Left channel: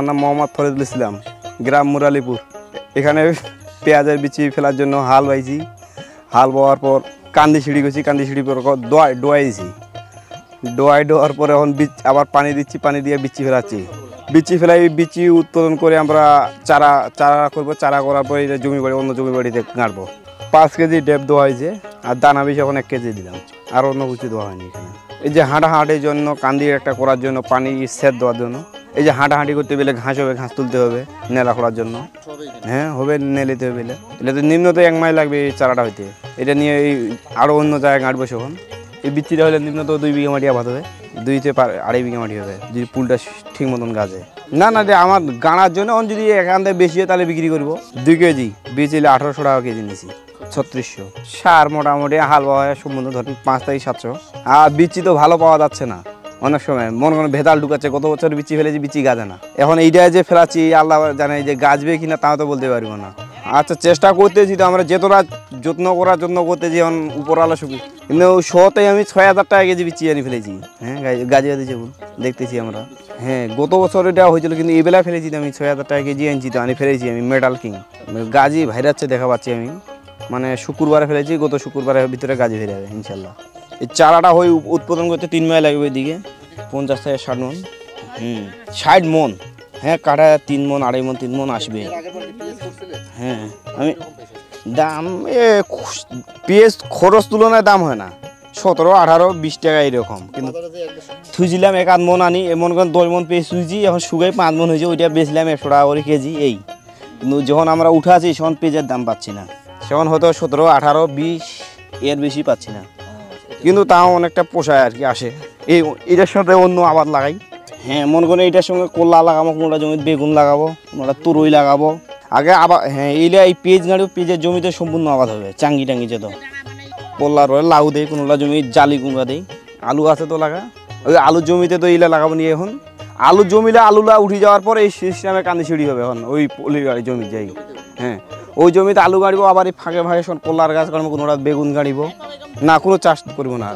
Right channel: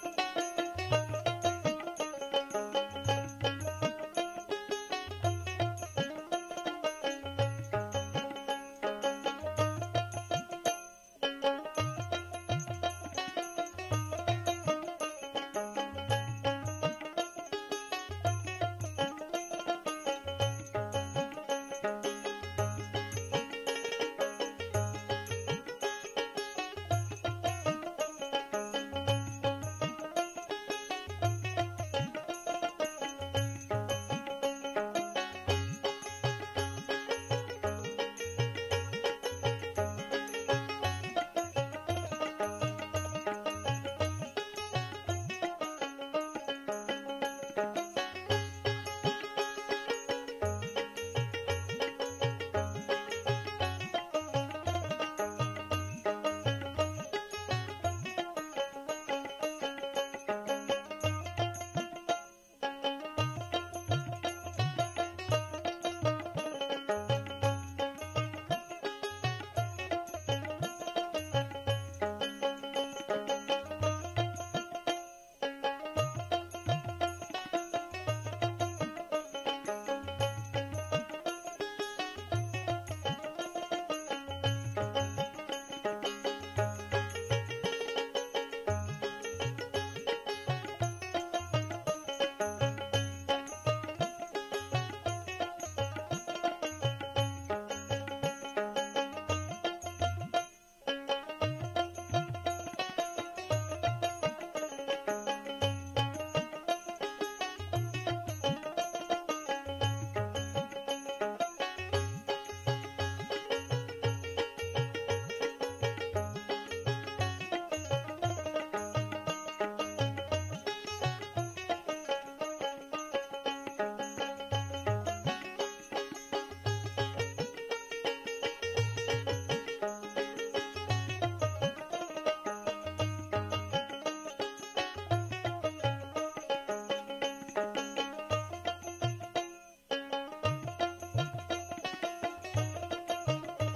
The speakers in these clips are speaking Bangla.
আমার নাম মোহাম্মদ ফরিদুল ইসলাম, গ্রাম মুরালিপুর। এখানে পেঁয়াজের বিচি ফেলার জন্য হাল বাইছি। হাল বওয়ার পর কান্দি সিঁড়ি গেছি, কান্দি সিঁড়ি পর ডোয়াইছি। ডোয়ার পরে এখন আবার পানি দিচ্ছি, পানি দিয়ে বিচি ফেলাচ্ছি। বিচি ফেলাই বিচি উৎপাদন করে আমরা চারা করবো। চারা করার পরে জমি বাড়ি অন্য জমি বাড়িতে গাঁটবো। 5 কেজি ডেপ দেওয়া হয়েছে, আর দানা বিষ এখন 1 কেজি দিলাম, আর অন্য কিছু দেওয়া হয়নি। এই যে হাঁটাহাঁটির জন্য কান্দি একটা করার জন্য পানি সেচ দেওয়ার জন্য, এই যে হাঁটাহাঁটি করতে গেলে ঘাস হবে, ঘাস তুলতে হবে নেলা করার জন্য। হ্যাঁ হবে, নেলিতে হবে। এটা তো নিম্নত 1 মাইল লাগবে এই চারাটা হইতে। এটা নিয়ে এই আরও অন্য জায়গায় গাঁটবো সেখন। এই বিচিটা হলে নিম্নত 2 বিঘা মাটি আবাদ হবে, 2 থেকে 2.5 বিঘা মাটি হবে যদি পুলটা ঠিক মতন গাছে। না আমার গাঁড়ার জন্য যদি এখান থেকে বেশি হয় তাহলে বিক্রি করবো। 2 কেজি বীজ এলে 1800 টাকা কেজি নিয়েছি, 3600। সার মোটামুটি হাল পাওয়া হয় সম্বন্ধ ধরুন 5 থেকে 700। আর বিচি তো ভালো পাওয়া যাচ্ছে না, অনেক সময় মনে করেন ভেদাল ঢুকাচ্ছে। গত বছর বিচি ফেলেছি, বিচি গাছে না। এখন এইটা যে ফেলাচ্ছি আল্লাহ জানে যে গাছবে কিনা তাও তো বলতে পারবো না। আচ্ছা চেষ্টা করতেছি তো আমরা, যতটা যত্ন করার জন্য করতেছি। এখন উপরওয়ালা সুখী, কিন্তু শোতে আমি 6000 টাকা কেজি বিচি আনি ফেলেছি। হ্যাঁ গাজিয়া দিয়েছে দেখতেছি আমরা। হ্যাঁ গত বছর এটা হয়েছিল, কিন্তু এই বেলা ফেলেছি আমি 6000 টাকা কেজি আনছি তো আনি ফেলেছি আমি। মেডাল কিং গাজি ভাইরাচ্ছে দেখা পাচ্ছি আমি। মানে শুক্রবারে ফেলেছি, গত শুক্রবারের ভিতরে গাজি ফেলে যাবে ইনশাল্লাহ। এই চারাটা হয়ে উৎপাদন করতে 3 মাস লাগবে, এদিকে 50 থেকে 60 মন। 60 মন। হ্যাঁ কাটা 3 মন 2.5 মন 3 মন আসবে। হ্যাঁ আমি দাম পেঁয়াজ খরচ তুলনায় দাম হয় না, 17, 18, 20 টাকা এরকম। কিন্তু থুইছিলাম 1 মন আনি, এমন করে 10 মন পেঁয়াজ থুইছি, এখন শুকাই 5 মন হয়েছে। ওইটা বেচলাম 100 টাকা করে কেজি। এই কিন্তু যখন আমরা উঠাছি তখন পেঁয়াজের দাম পাচ্ছি না, তখন হয়তো 17, 18, 20 এর বেশি পাচ্ছি না। কিন্তু তাও অনেকটা পোষায় আর কি, আসে। এটার সাথে অন্য আবাদ লাগাই। হ্যাঁ মনে করেন এটার সঙ্গে কলা লাগাবো, কোনোটা জমিতে বেগুন লাগাবো, কোনোটা তুরই লাগাবো আগে আবার। হ্যাঁ এই পেঁয়াজ গাড়ি পেঁয়াজের জমিতে সম্পূর্ণ আবাদ হবে। চাঙ্গি টাঙ্গি যেত কল্লা রয়ে লাউ দেয়, কোনোটা জমি জালি কুমড়া দেয়। আলু আছে তো লাগা, ওই আলুর জমিতে তো ইলা লাগাবো নিয়ে। এখন আলুর জমিলে আলুলা উঠে যাওয়ার পর এই সিস্টেমে কান্দি সিঁড়ি হবে এখন ওই পলির গাড়ি জমি যাই। হ্যাঁ ওই জমিতে আলু গাড়িব, আবার এই ফাঁকে ফাঁকে সব কলার গাছ কাটবো, কোনোটা বেগুন গাড়িব না, কোনো চাষ করবো না।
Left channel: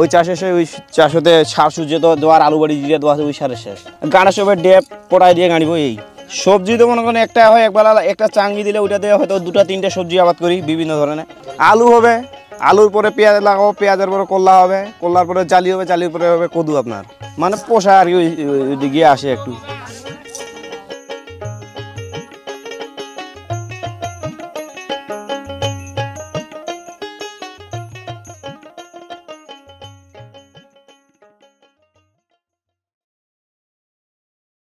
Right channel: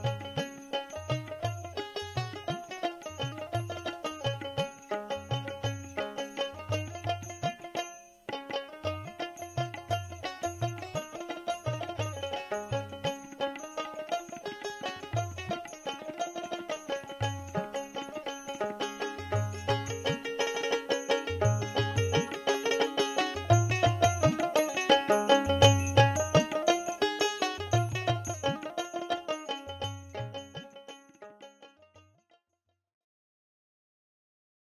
ওই চাষে সে ওই চাষ হতে সার সূর্য তো দেওয়ার, আলু বাড়ি দিয়ে দেওয়া আছে ওই সারের শেষ। গাড়া সবে ডেপ পড়াই দিয়ে গাড়িব। এই সবজি তো মনে করেন একটা হয়, একবেলা একটা চাঙ্গি দিলে ওইটা দিয়ে হয়তো 2-3টে সবজি আবাদ করি বিভিন্ন ধরনের। আলু হবে, আলুর পরে পেঁয়াজ লাগাবো, পেঁয়াজের পরে কল্লা হবে, কল্লার পরে জালি হবে, জালির পরে হবে কদু। আপনার মানে পোষা আর কি, ওই দিকে আসে একটু।